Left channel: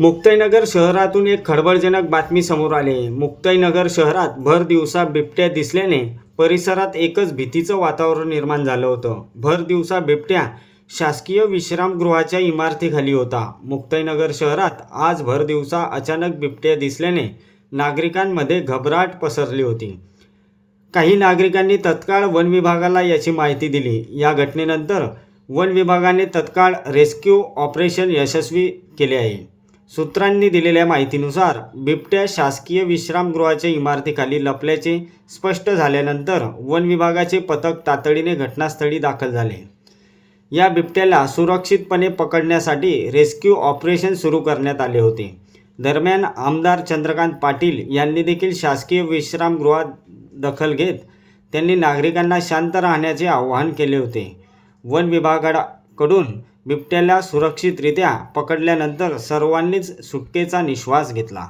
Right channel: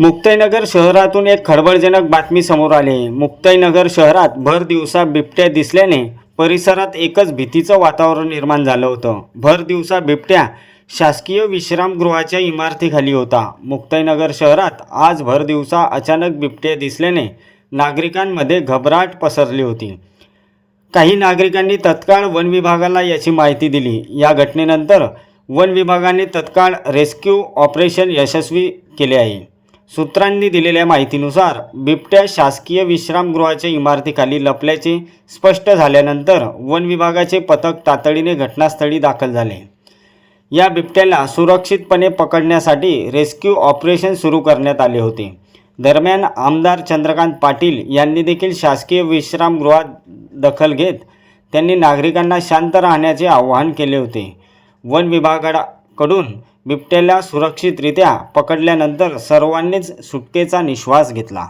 मुक्ताईनगर शहरातून एक खळबळजनक बातमी समोर आली आहे। मुक्ताईनगर शहरात भर दिवसा बिबट्या दिसल्याने परिसरात एकच भीतीचं वातावरण निर्माण झालं होतं। भर दिवसा बिबट्या शासकीय विश्रामगृहाच्या इमारतीखाली होता। मुक्ताईनगर शहरात आज भर दिवसा अचानक बिबट्या दिसल्याने नागरिकांमध्ये घबराट पसरली होती। काही नागरिकांनी तत्काळ वन विभागाला याची माहिती दिली। या घटनेनंतर वन विभागाने तत्काळ रेस्क्यू ऑपरेशन यशस्वी केले आहे। सूत्रांनी दिलेल्या माहितीनुसार बिबट्या शासकीय विश्रामगृहाच्या इमारतीखाली लपल्याचे स्पष्ट झाल्यानंतर वन विभागाचे पथक तातडीने घटनास्थळी दाखल झाले। या बिबट्याला सुरक्षितपणे पकडण्यासाठी रेस्क्यू ऑपरेशन सुरू करण्यात आले होते। दरम्यान आमदार चंद्रकांत पाटील यांनी देखील शासकीय विश्रामगृहात दखल घेत त्यांनी नागरिकांना शांत राहण्याचे आवाहन केले होते। वन विभागाकडून बिबट्याला सुरक्षितरित्या पकडल्यानंतर सर्वांनीच सुटकेचा निश्वास घेतला।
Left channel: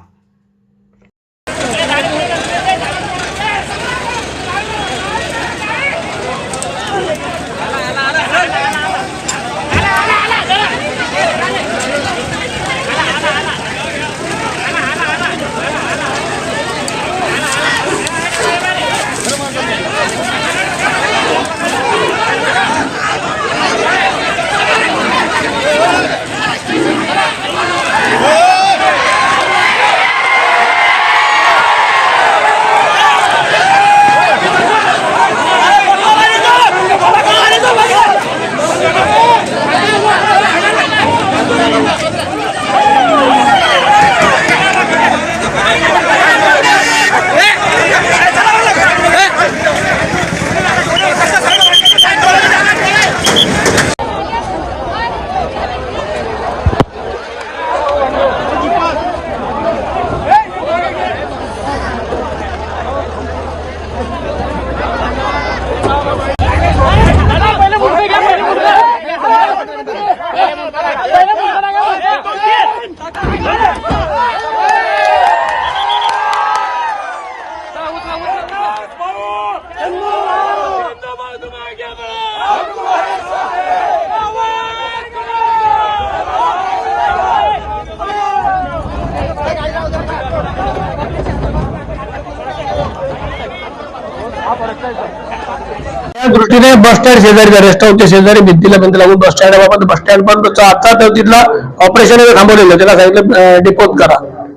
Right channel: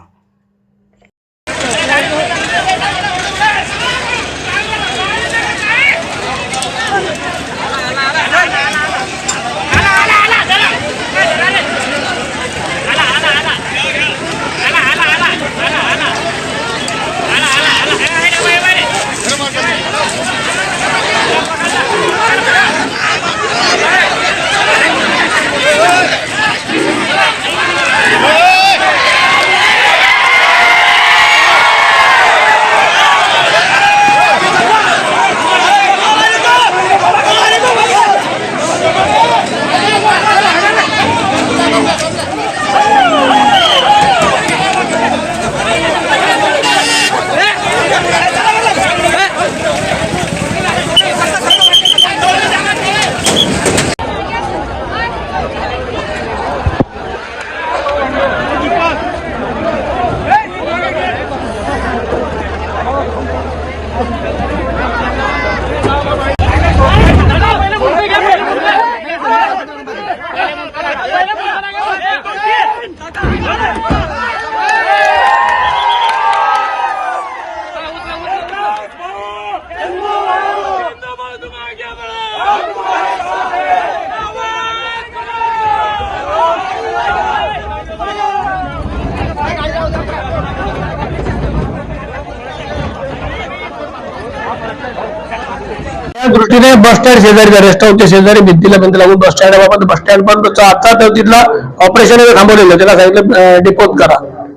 त्या दृष्टीने बस स्टँड शेजारी रेस्ट हाऊसच्या शेजारी भिंतीला भिंत लागून बस स्टँड बाबत बस स्टँड पण आता तर तिथला ऑपरेशन थांबवलेलं, त्याला सांगितलं डिपोज करा,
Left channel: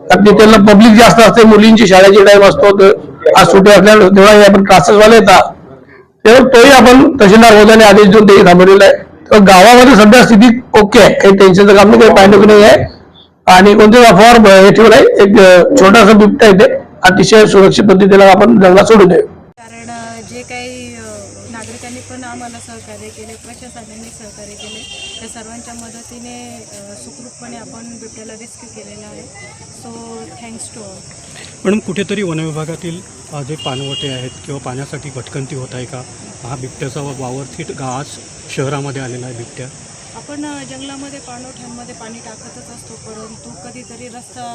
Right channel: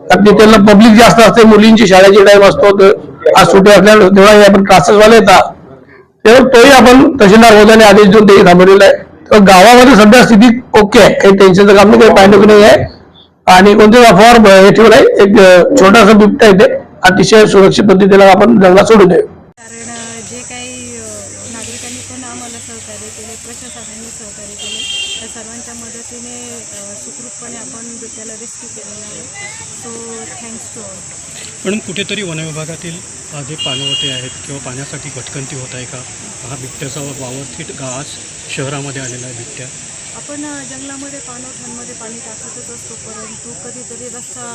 कारण तिथला पब्लिक जास्त असते, मुलींची शाळेची टाइम असतो, आज सुट्टी असल्यामुळे तेव्हा आपण क्लासेसवाले येतात, तेव्हा तोही आपण तहसीलदार महोदयाने आदेश देऊन तेही थांबवलेलं आहे। तर गावामध्ये सध्या स्थिती ओके आहे, काही टेन्शनचं काम नाही, काही पाणीटुकी नाही आहे आणि कोणत्याही अफवावर हे ठेवलं आहे। एक छोटासा बिबटा येते, अतिशय सुरक्षित पद्धतीने आपण जंगलात सोडून देऊ। कारण जे काही नागरिकांनी पण आम्हाला सहकार्य केले, प्रशासनाने सहकार्य केले, त्या सर्वांच्या मदतीने सुखरूपपणे आपण बिबट्याला रेस्क्यू केलेला आहे। So thanks to all. पण कुठेतरी वनविभागातील जे पाणवटे आहेत किंवा पाण्यासाठी भटकंती होत आहे का? हा बिबट्याचा वावर थेट गावात शहरामध्ये आलेला आहे बिबट्या। आपण जंगलामध्ये पाणवठ्यांमध्ये पाणी टाकतच असतो, परंतु कधीतरी रस्ता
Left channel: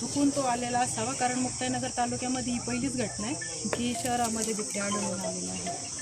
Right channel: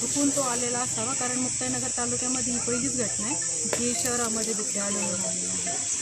चुकून तो आलेला असावा, कारण मुक्ताईनगर तालुक्यामध्ये ही पहिलीच घटना आहे की शहरामध्ये बिबट्या आढळून आलेला आहे।